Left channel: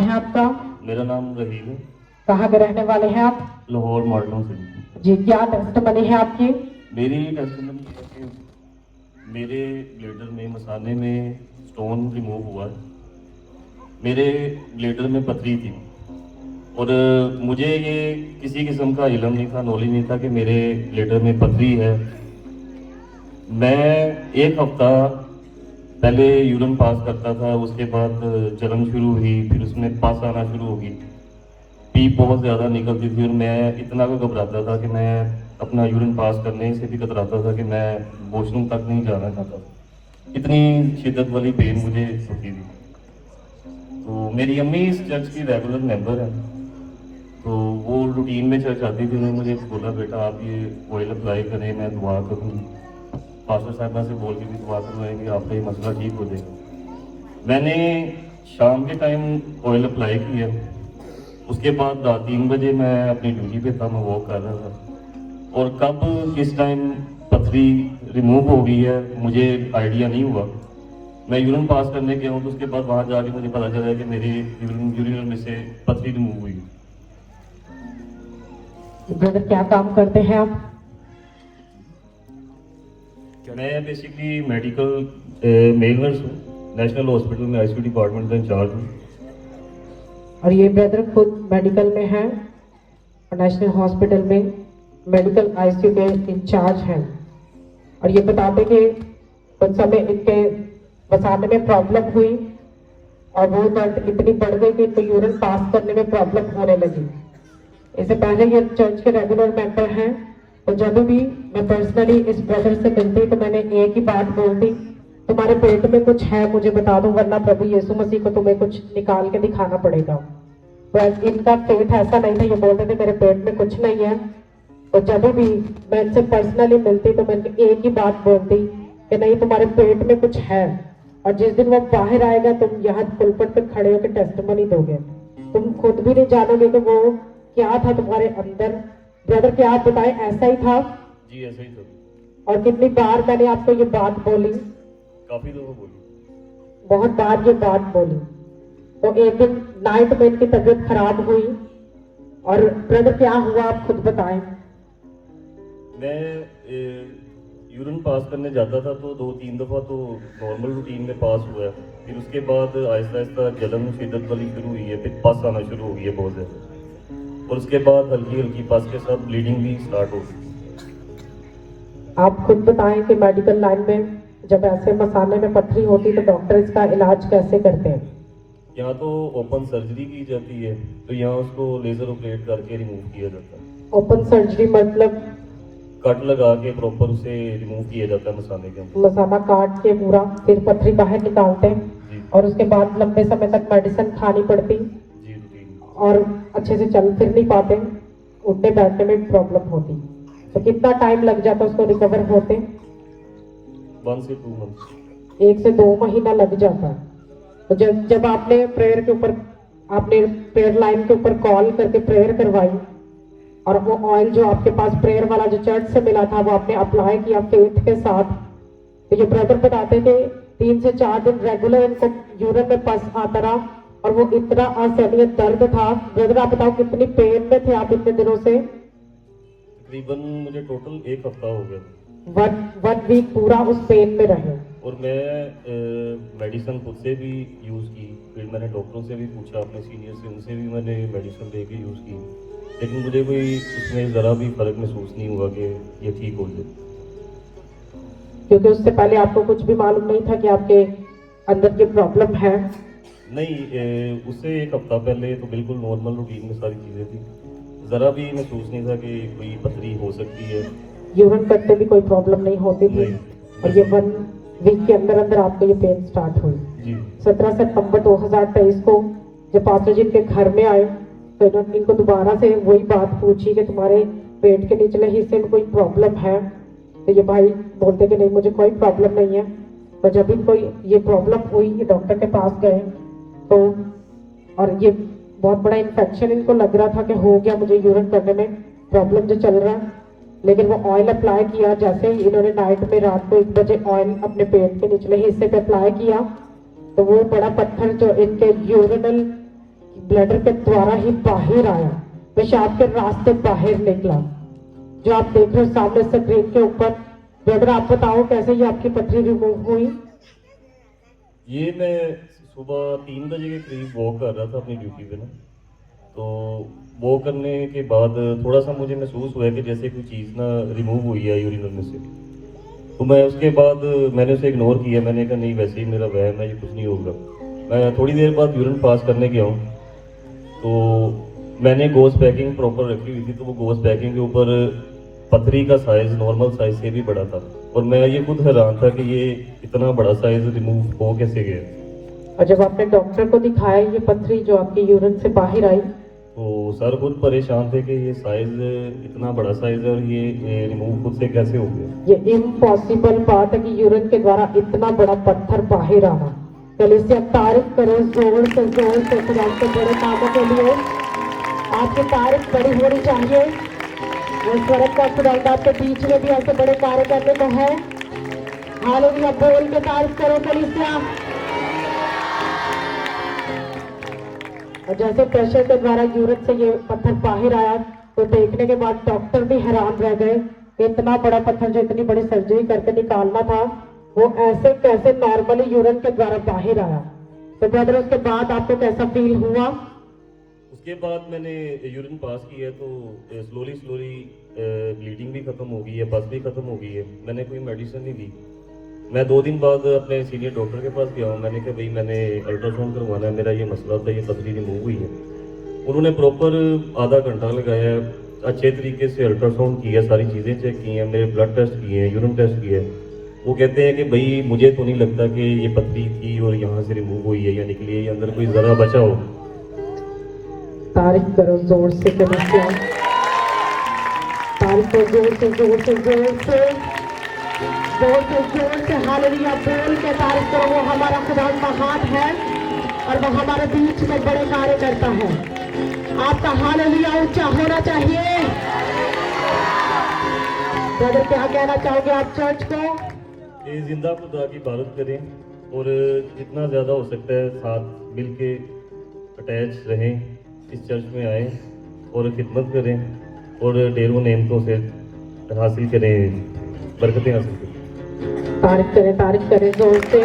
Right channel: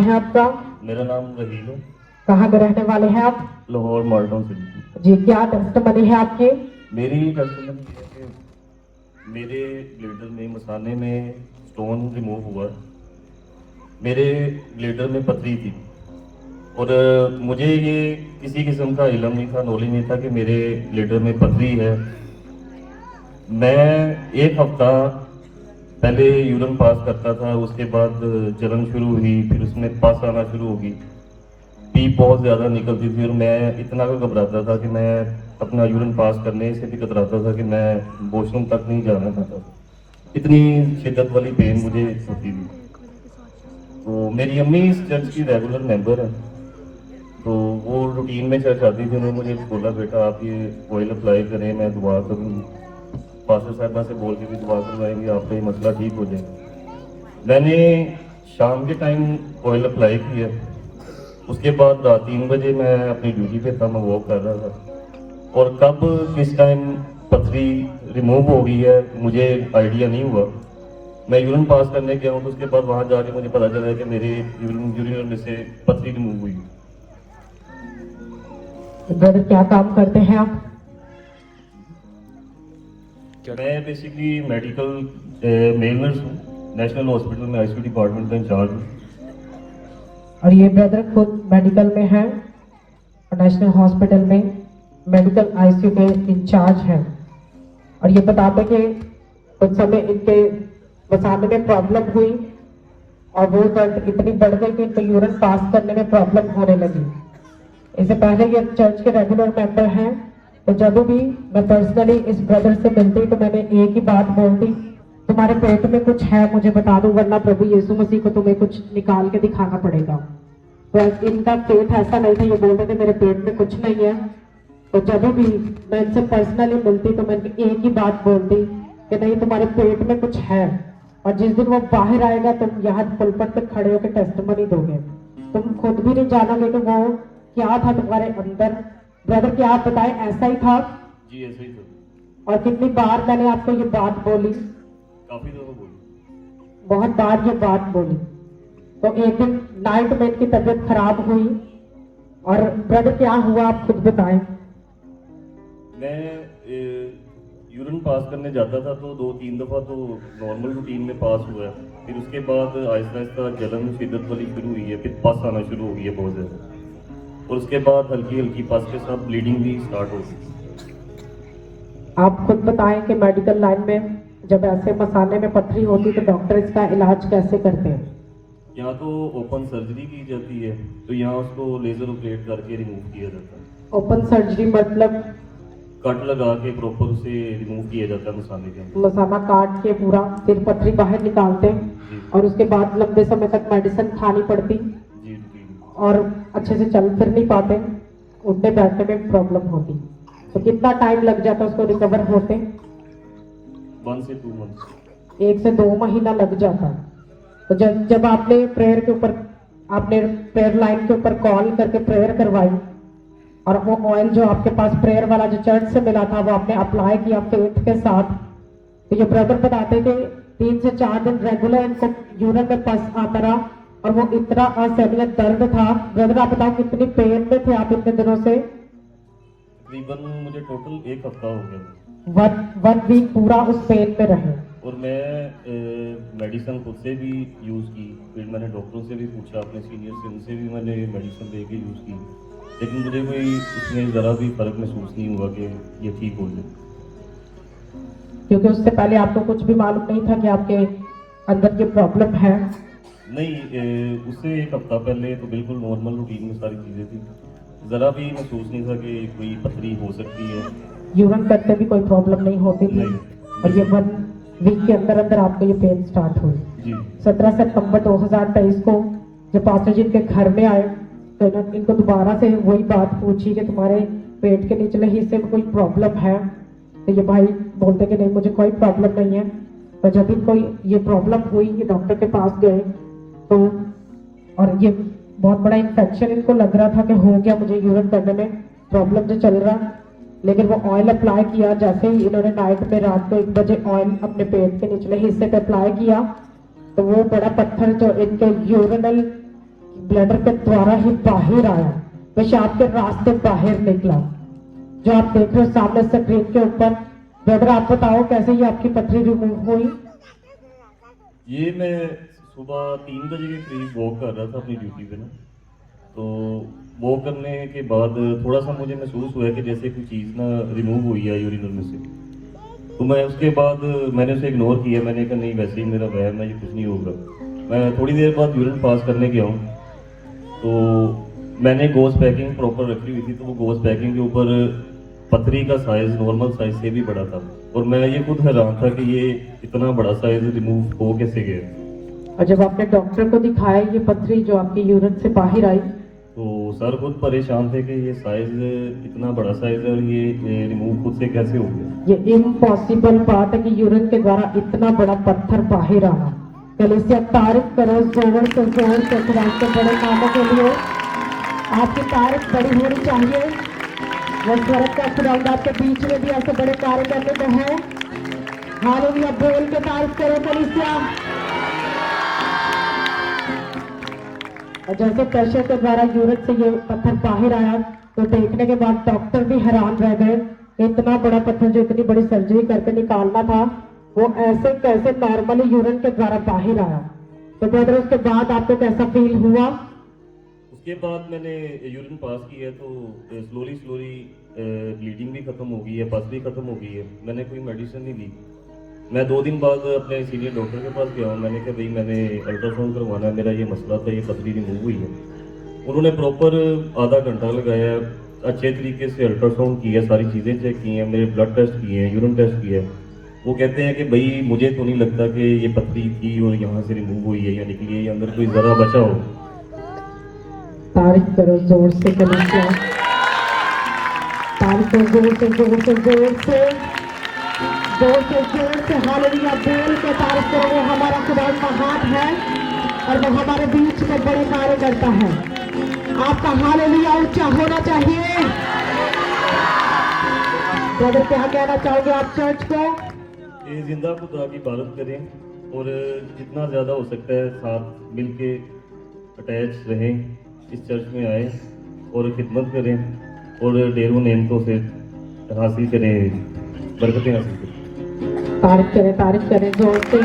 है आपका? मेरा नाम रहीम है। कहाँ के रहने वाले हैं आप? लाहौर मॉडलों से। जी, क्या टेस्टमनी है आपकी? मेरी टेस्टमनी ये है कि मेरे ब्लेडर में मसाने में स्टोन रिमूव हुआ। मेरे ब्लेडर में पथरी थी और मुझे ये किसी किस्म का इल्म नहीं था, नॉलेज नहीं था कि मेरे ब्लेडर में पथरी है। मैं एक हफ्ता पहले यूरिन पास करता था, उसके बाद जलन शुरू हुई, फिर उसमें पास आना शुरू होगी, पीप बहुत ज़्यादा निकलती थी और मैं इतना घबराता था कि मैं अपना यूरिन पास करने से भी घबराता था कि मैं वॉशरूम तक नहीं जाना चाहता। इतनी शिद्दत वाली पेन मुझे होती थी। तो मेरी अम्मी इस चर्च की रेगुलर मेंबर है, तो वो रूटीन में चर्च आती थी। उन्होंने मुझे बोला, बेटा आप ये ऑयल अप्लाई करें, मैं दुआ करूँगी, पास्टर साहिबा से बोल के भी दुआ करवाएंगे, आपका ये मसला ठीक हो जाएगा। मैंने शाम के टाइम ऑयल अप्लाई किया, उसके बाद रात 3 बजे मैं अपनी ड्यूटी पे था, मैं वॉक कर रहा था और कब किस टाइम पथरी रिमूव हो गई है मुझे आइडिया नहीं हुआ। मैं यूरिन पास करने गया हूँ, तो उसके बाद वहाँ जाके मुझे पता चला कि मेरे यूरिन में से पथरी रिमूव हुई। ब्रदर क्या काम करते हैं आप? मैं बेसिकली मेडिकल मेल नर्स हूँ, नेशनल हॉस्पिटल में आईसीयू डिपार्टमेंट का इंचार्ज हूँ। और ये ब्रदर खुद मेडिकल में है, नेशनल हॉस्पिटल में मेडिकल आईसीयू के इंचार्ज हैं। और ये बताते कि उस समय इनके मसाने में प्रॉब्लम हुई और वो दर्द इतनी बढ़ गई कि इनको यूरिन पास करने में प्रॉब्लम होने लगी। इससे पहले ये चर्च के रेगुलर मेंबर हैं, तो जब भी मैं पर्सनली इस ब्रदर से मिलती तो मैंने एक ही बात बोलती, तुम्हारे पेट में कुछ है मुझे बता दो, वरना प्रभु यीशु मसीह को तुम्हें कुछ निकाल के दिखाना पड़ेगा। तो इनका पेट ऐसा नहीं था, ये बोलते थे मेरे पेट में कुछ नहीं है। तो जब भी मैं इनसे पर्सनली मिलती तो मैं एक ही बात बोलती कि नहीं, तुम्हारे पेट में कुछ है, और जिस दिन वो बाहर आएगा तुम यहाँ पुलपट पर खड़े होकर टेस्टिमनी दोगे, तुम खुद भी नहीं जानोगे कि वो क्या था तुम्हारे अंदर। ब्रदर क्या आप बताएं, ऐसा ही था? जी ऐसा ही था। और कितनी बार मैंने आपको ये बात बोली? काफी दफा बोली। बहुत बार ये बात बोली। तो एक दिन नाइट में इनकी तबीयत खराब हुई, और ब्रदर क्या हुआ आप खुद बताएं। मैं यूरिन पास करने जाता था तो 2-3 दफा तो नॉर्मल रूटीन में पास हुआ है, फिर उसके बाद आहिस्ता आहिस्ता जलन शिद्दत वाली शुरू हुई है, फिर पस आना शुरू हो गई है बहुत ज़्यादा, और उसके बाद हल्की हल्की पस के साथ ब्लीडिंग भी स्टार्ट हो गई। आप खुद बताएं कि मेडिकल लाइन में जब ऐसे मसाने में पथरी होती तो डॉक्टर इसका इलाज कैसे करते हैं? यहाँ तो ओपन सर्जरी की जाती है, तो यहाँ उसको लेजर ऑपरेट करके रिमूव किया जाता है। ओपन सर्जरी मतलब? कट लगा के प्रॉपर उसे रिमूव किया जाता है मसाने के अंदर। मसाला काट के पूरा फिर पथरी बाहर निकालते हैं, और उसके बाद लंबे समय तक मेडिसिन खानी पड़ती, जी रूटीन। और अच्छे से चल फिर नहीं पाते, उठने बैठने में प्रॉब्लम होती। तो कितना टाइम लग जाता उसको रिकवर होते? 1 से 2 मंथ्स। 1 से 2 महीना लग जाता। तो जब आपने प्रेयर के ऊपर, आपने प्रेयर लाइन के ऊपर कॉल करके प्रेयर करवाई, और वो ऑयल जो आपके पास प्रेयर वाला जो चर्च से मिला था वो आपने अप्लाई किया फेथ के साथ, तो ये ब्रदर बताते थे 3 से 4 दिन रेगुलर इनको यूरिन में पस आता रहा, और वो इतना असहनीय दर्द था। ब्रदर आप बताओ कितनी पेन में थे आप इतने दिनों से? तकरीबन मुझे टोटल 1 हफ्ता हो गया। 1 वीक पूरा उस पेन में रहे। और मैं मेडिसिन खुद से भी यूज़ की, फिर मैंने डॉक्टरों से भी पूछा, अपने सीनियर से, उनसे भी मैंने मेडिसिन लेके यूज़ की, लेकिन मुझे कोई उसमें ज़रा भी फर्क महसूस नहीं हुआ कि ये ठीक हो जाए। क्योंकि उससे पहले आपको कुछ भी मालूम नहीं था कि आपके अंदर की प्रॉब्लम है? नहीं, उससे 1 हफ्ता पहले तो बिल्कुल नॉर्मल रूटीन में सारी चीज़ें थी, ज़रा भी महसूस नहीं था कि कोई पथरी हो सकती है। यूरिन करते भी कोई प्रॉब्लम नहीं होती थी, और ये 1 वीक के अंदर अंदर आपको ये पेन स्टार्ट हुई। जी। 17 सितंबर 2023 को जब पास्टर जी इनके घर में आए तो इनको दोबारा से वही बात पूछी कि तुम्हारे पेट के निचले हिस्से में कोई प्रॉब्लम है? तो ये भाई बोलते कि नहीं मुझे कोई प्रॉब्लम नहीं है। और जब इनको ये प्रॉब्लम हुई, ये डॉक्टर के पास गए, तो और ये बहुत बड़ा इन्फेक्शन इनको लग रहा था कि हो गया मुझे यूरिन करने में प्रॉब्लम जो चल रहा, लेकिन वो ऑयल अप्लाई किया। जैसे ही इन्होंने नाइट में रात को 1 बजे ऑयल अपने पेट के निचले हिस्से पे अप्लाई किया, तो वो बड़ा पत्थर जो इनके यूरिनल ब्लडर के द्वारा ही बाहर आया, पेशाब के रास्ते बाहर निकला। जो आप देख रहे हो सामने स्क्रीन के ऊपर, ब्रदर आप बताओ कैसे ये आपकी पथरी रिमूव हुई? ये मैं सुबह 3 बजे के करीब वॉक कर रहा था अपनी ड्यूटी पे ना, तो वॉक करने के बाद थोड़ा सा मुझे महसूस हुआ कि जैसे कोई चीज़ ना रिमूव हुई है यूरिनल में से। तो मैं उसके बाद मैंने उसे इग्नोर किया, मैंने कहा नहीं वैसे ही मेरा वहम है, ये कुछ नहीं होगा। मैं थोड़ी देर बाद यूरिन पास करने गया हूँ, तो मैंने गोज पैकिंग प्रॉपर रखी हुई थी, तो वो गोज पैकिंग के ऊपर पथरी का साइज नॉर्मल साइज से भी बड़ा था, और मैं ये खुद हैरान था कि ये इतना बड़ा साइज रिमूव हो कैसे गया। और जब आपने डॉक्टर को दिखाया ये पथरी जो आपकी यूरिन से बाहर आई, तो सर खुद परेशान थे कि ये साइज इतना बड़ा साइज है और ये रिमूव खुद से कैसे हो गया। ये इम्पॉसिबल बात है कि यूरिन के द्वारा इतना बड़ा पत्थर बाहर आना। चलिए इससे आप तारीफ करो जोर से खुदा के बड़े कामों के लिए। आपकी तारीफ बड़ी होनी चाहिए। वो स्वर्ग का खुदा आपके बीच में भी ऐसे बड़े कार्य करने को है। हालेलुया बोल के तारीफ करो कलीसिया। और जैसे प्रेशर के द्वारा यूरिन से ये पत्थर बाहर आया, तो देखने के बाद डॉक्टर भी हैरान रह गए कि इतना बड़ा पत्थर जो इतनी बड़ी सर्जरी करके निकालना था, वो ऐसे कैसे नॉर्मली यूरिन के द्वारा बाहर आया। तो ब्रदर उसके बाद आपको कैसा फील हुआ? उसके बाद मैंने यूरिन पास किया तो स्लोली ब्लीडिंग भी खत्म हो गई है, पस भी खत्म हो गई है। मैंने कोई मेडिसिन नहीं ली। मैं 2 दिन बाद अपने सीनियर डॉक्टर के पास गया हूँ, मैंने कहा भाई मैंने अल्ट्रासाउंड करवाना है, मेरा ये मसला था, ये पथरी रिमूव हुई है। उन्होंने प्रॉपर आधा घंटा लगाया, अच्छे तरीके से अल्ट्रासाउंड किया, सारी चीज़ें चेक की हैं, मेरे ब्लड टेस्ट किए हैं, यूरिन टेस्ट किया है। वो कहते हैं कि भाई मुझे तो नहीं लगता कि ये पथरी थी और यहाँ से रिमूव हुई है या निकली है, अंदर कोई ज़रा बचा हो। तारीफ करो जोर से कलीसिया। तारीफ करो जोर से जोर से जोर से जोर से जोर से। हालेलुया बोल के तारीफ करो। वो हमारा खुदा का हाथ है और वो हमारे बीच में बड़े कार्य करता है। आपका हालेलुया ऊंचा होना चाहिए। ब्रदर क्या कहना चाहोगे आप चर्च को? ये जिंदा खुदा की इबादत करें और जितना ज़्यादा हो सकता है साथ मिल के अटैच रहें, इस चर्च में आएँ और खिदमत करें और ढेरों नेमतों से हासिल करें, बरकतें हासिल करें। तारीफ करें जोर से।